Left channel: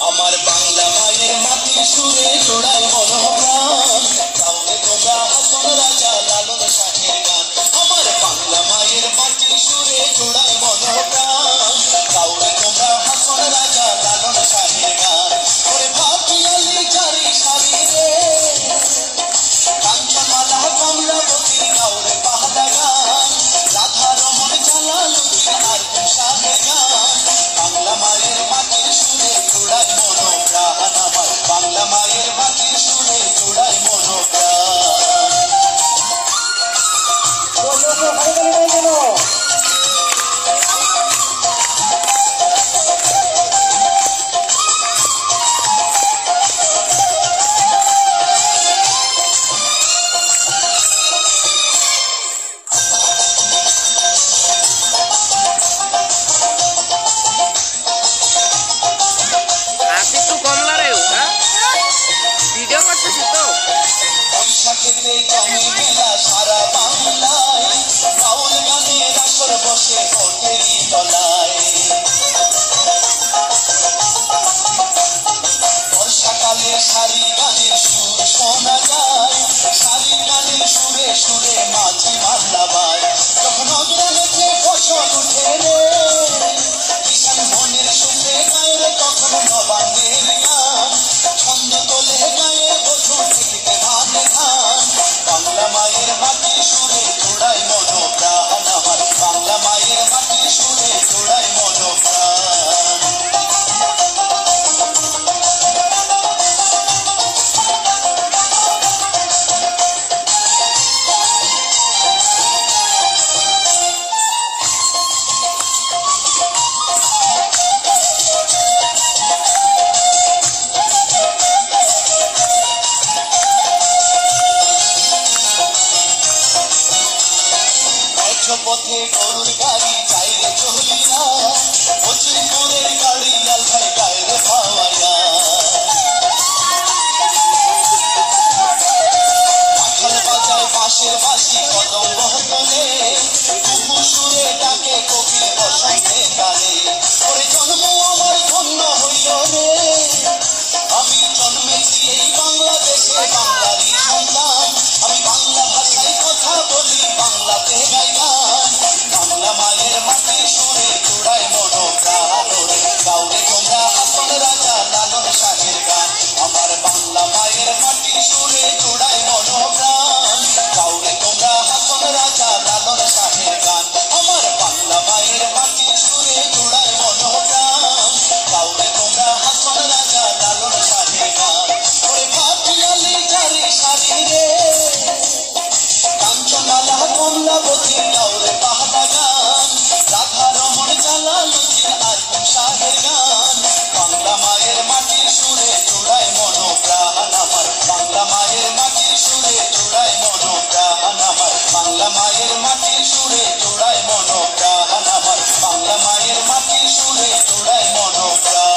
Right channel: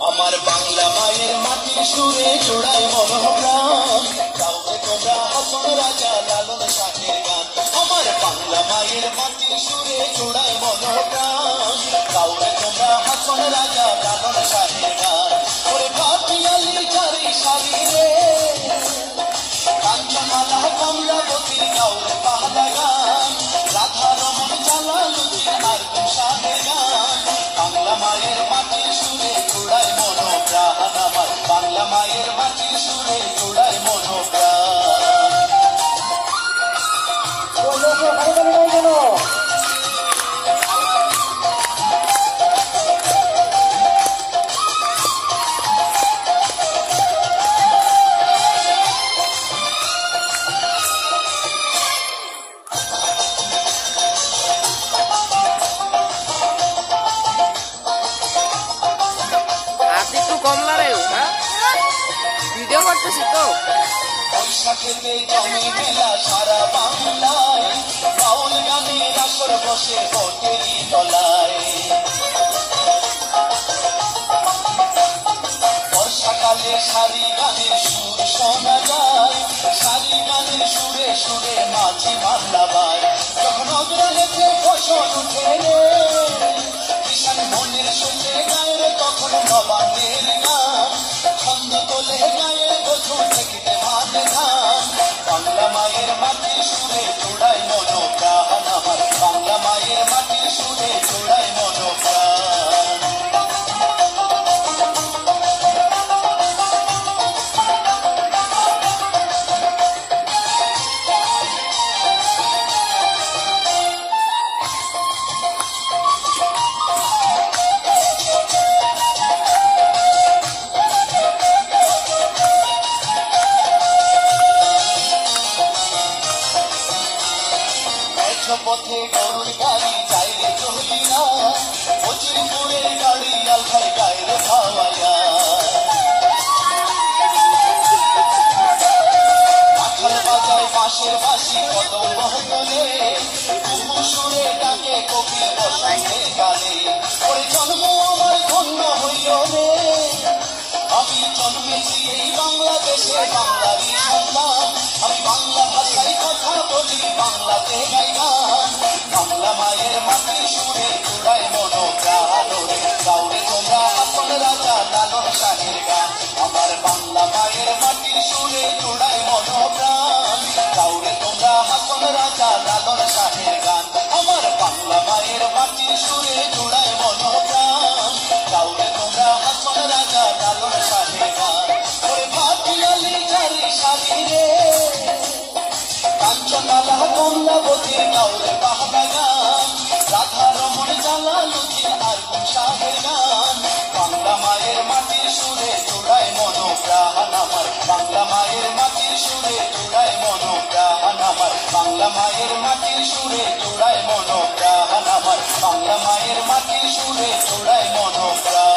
আমার বাংলা মায়ের মাটির সুরে জোড়ায় মনোপ্রাণ, কাউকে তোমরা হাসন রাজা লালন শাহের গান। আমার বাংলা মায়ের মাটির সুরে জোড়ায় মনোপ্রাণ, কাউকে তোমরা হাসন রাজা লালন শাহের গান। ওরে ভাটিয়ালি চারি সারি রে, কাঞ্চনমালা কমলাবতীর কাউরে পাহাড়া গান, রাধা রমন জালালুদ্দিন আর শাহের গান। বাংলা মায়ের মাটির সুরে জোড়ায় মনোপ্রাণ, আমার বাংলা মায়ের মাটির সুরে জোড়ায় মনোপ্রাণ। ভিডিও করতেছি তো। বৈশাখেতে জমে মেলা সারা বাংলায়, বাউল গানের আসর বসে হোটেলি তলায়। বর্ষাকালে সারি গানের সুর শোনা যায়, সারি গানের সুরে সুরে মাঝি মাল্লা বায়। যখন অগ্রাণেতে ফসল উঠে রে, কিষান মনের সুখে গায়ের তখন নবান্নের গান, ছন্দ তোলে গায়ে বধু ঠেকিতে ধান ধান। বাংলা মায়ের মাটির সুরে জোড়ায় মনোপ্রাণ, আমার বাংলা মায়ের মাটির সুরে জোড়ায় মনোপ্রাণ। পথে গরুর গাড়ি যাইরে চলিয়া, ফকিরপুরের গাড়ি আলখায় গায়ে খাওয়াইয়া। কাঁঠাল বাজায় বাঁশের বাঁশি কদম বহতলে, কুকু সুরে ডাকে কোকিল বসন্তে কালে। ওরে জন্ম আমার ধন্য হইল রে, আমি জন্মেছি এই বাংলাদেশে বাঙালি সন্তান। আমি বাংলা ভাষায় কথা বলি, বাংলাতে গাই গান। বাংলা মায়ের মাটির সুরে জোড়ায় মনোপ্রাণ, রে গাউরে তোমরা হাসন রাজা লালন শাহের গান। আমার বাংলা মায়ের মাটির সুরে জোড়ায় মনোপ্রাণ, গাউরে তোমরা হাসন রাজা লালন শাহের গান। আমার বাংলা মায়ের মাটির সুরে জোড়ায় মনোপ্রাণ, গাউরে তোমরা হাসন রাজা লালন শাহের গান। ওরে ভাটিয়ালি চারি সারি রে, কাঞ্চনমালা কমলাবতীর কাউরে পাহাড়া গান, রাধা রমন জালালুদ্দিন আর শাহের গান। বাংলা মায়ের মাটির সুরে জোড়ায় মনোপ্রাণ, আমার বাংলা মায়ের মাটির সুরে জোড়ায় মনোপ্রাণ। আমার বাংলা মায়ের মাটির সুরে জোড়ায় মনোপ্রাণ, আমার বাংলা মায়ের মাটির সুরে জোড়ায় মনোপ্রাণ।